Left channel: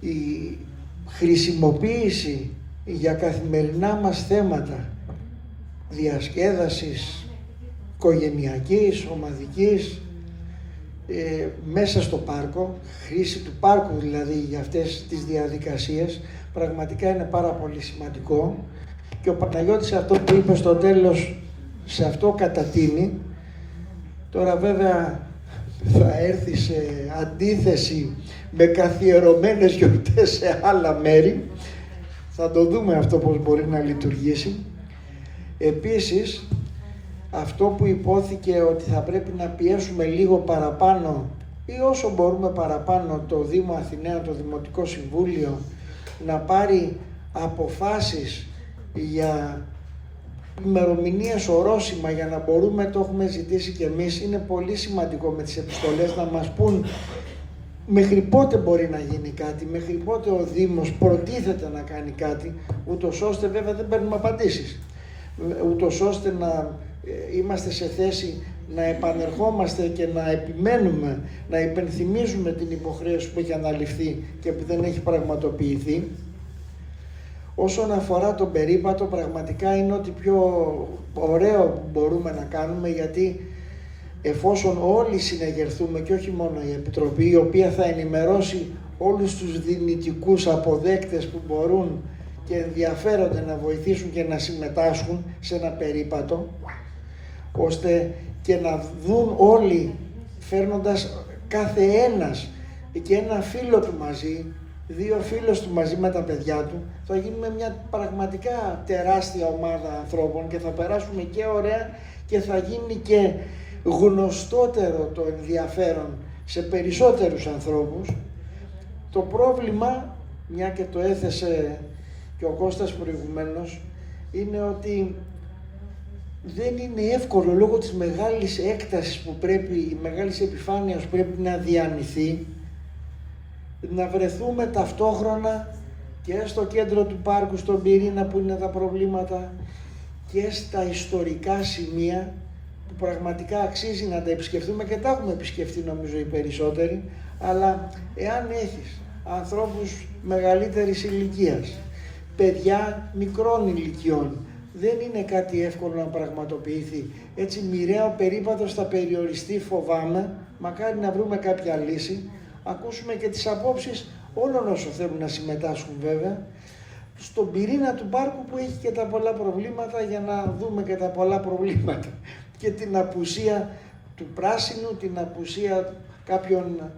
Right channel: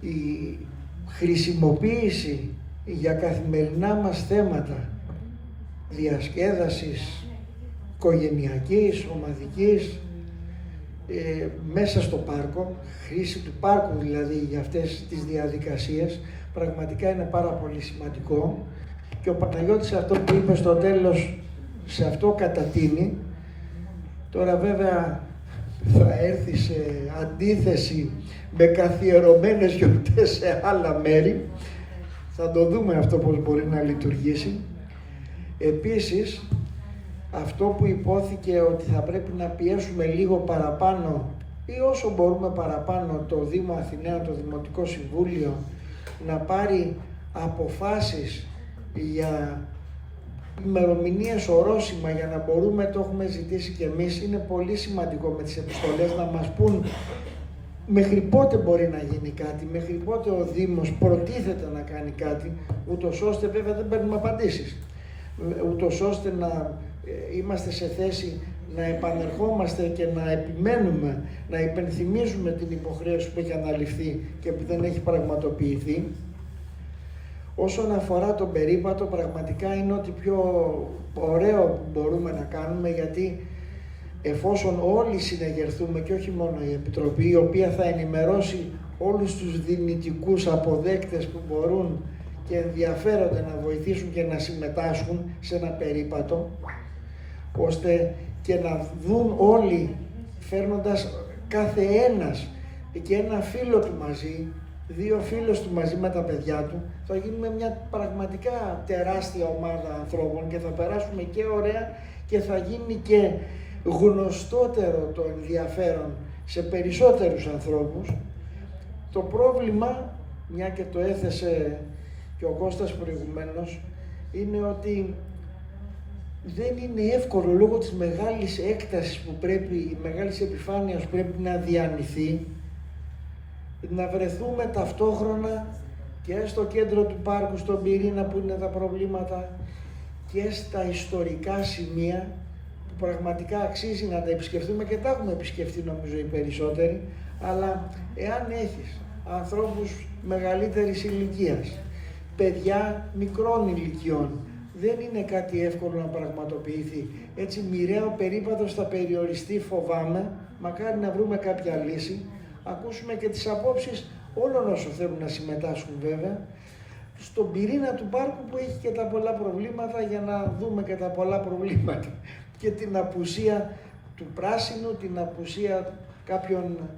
η χρησιμοποίηση για καθημερινά μας θέματα διασκέδασης οικογενειακής, ομαδικής, μέσα στο πάρκο, χρήση του πάρκου δηλαδή για αυτές τις διαδικασίες, πραγματικά είναι πάρα πολύ σημαντικό. Και ο Παναγιώτης αυτό που είπε στο τέλος, σε αυτό κατατείνει. Τώρα βέβαια θα έρθει σε αντίθεση με καθιερωμένες γιορτές σε άλλα μέρη. Θα το δούμε αυτό πώς μπορεί να λειτουργήσει. Επίσης, αυτό που υπόθηκε ότι θα πρέπει να πιέσουμε λίγο παραπάνω ή όσο μπορούμε παραπάνω το Δήμο Αθηναίων, το Δημοτικό Συμβούλιο, να πάρει αποφάσεις για ημερομηνίες ορόσημα για να μπορούμε, το έχουμε ζητήσει και εμείς, είναι πολύ σημαντικό με τις επιστολές να μας πούν μέχρι πότε μπορεί να γίνει κάτι, μέχρι πότε ο Δήμος προτίθεται να κάνει κάτι, ούτως ώστε, βέβαια δεν παίρνουμε απαντήσεις, ούτως ώστε να είμαστε σε θέση να επανερχόμαστε και να επιμένουμε, να υπενθυμίζουμε την υποχρέωση που έχει αναλυφθεί και που δεν έχει πραγματοποιηθεί. Όσον αφορά τον περίπατο, πραγματικά είναι ό,τι πιο ωραίο που μπορούμε να κάνουμε, γιατί εφόσον όλοι συνεγερθούμε και όχι μόνο η Επιτροπή, η οποία θα ενημερώσει όλους τους δυνητικούς αποδέκτες που μπορούν και ενδιαφέρονται να βοηθήσουν και να συμμετάσχουν σε ένα περίπατο, ώστε και να δουν όλοι, φέρνοντας κάθε ένας και ένα φίλο του μαζί, δύο φίλους του μαζί με τα παιδιά του, θα γίνουμε μια πραγματικά τεράστια ομάδα ανθρώπων και θα περάσουμε και ωραία και θα γίνει και γνωστότερο το ενδιαφέρον σε περισσότερους ανθρώπους. Το πρόβλημα, μια και το έθεσε και ο Κώστας προηγουμένως, είναι ότι δεν είναι εύκολο λόγω της μεγάλης έκτασης που πρέπει, η μεγάλης επιφάνειας που πρέπει να διανυθεί, να βρεθούμε ταυτόχρονα και στο κέντρο του πάρκου, στον πυρήνα που είναι τα προβλήματα, και στα ιστορικά σημεία που πραγματικά αξίζει να τα επισκεφτούμε και τα έχουμε επισκεφτεί νομίζω οι περισσότεροι, αλλά εάν έχεις ανθρώπους μεγαλύτερης ηλικίας, παιδιά μικρών ηλικιών, δεν είναι κάτι εύκολο να πραγματοποιηθεί. Έτσι μοιραίο περίπατος θα περιοριστεί, φοβάμαι, μακάρι να βρούμε κάποια λύση, ακούσουμε και τις απόψεις όλων όσων θέλουν να συμμετάσχουν βέβαια, στον πυρήνα του πάρκου που έχει και τα πολλά προβλήματα, για να δούμε και τα πολλά προβλήματα και την απουσία του πράσινου, την απουσία κάποιων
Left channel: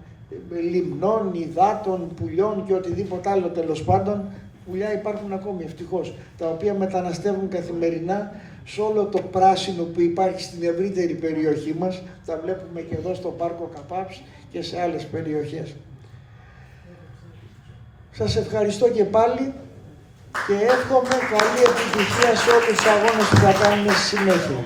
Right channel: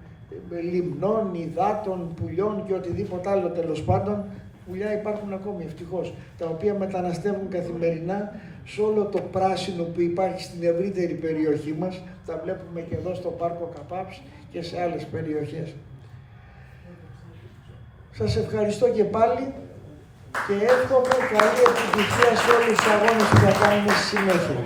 λιμνών, υδάτων, πουλιών και οτιδήποτε άλλο τέλος πάντων. Πουλιά υπάρχουν ακόμη ευτυχώς, τα οποία μεταναστεύουν καθημερινά σε όλο το πράσινο που υπάρχει στην ευρύτερη περιοχή μας. Τα βλέπουμε και εδώ στο πάρκο Καπάψ και σε άλλες περιοχές. Σας ευχαριστώ και πάλι και εύχομαι καλή επιτυχία σε όλους τους αγώνες που θα κάνουμε στη συνέχεια.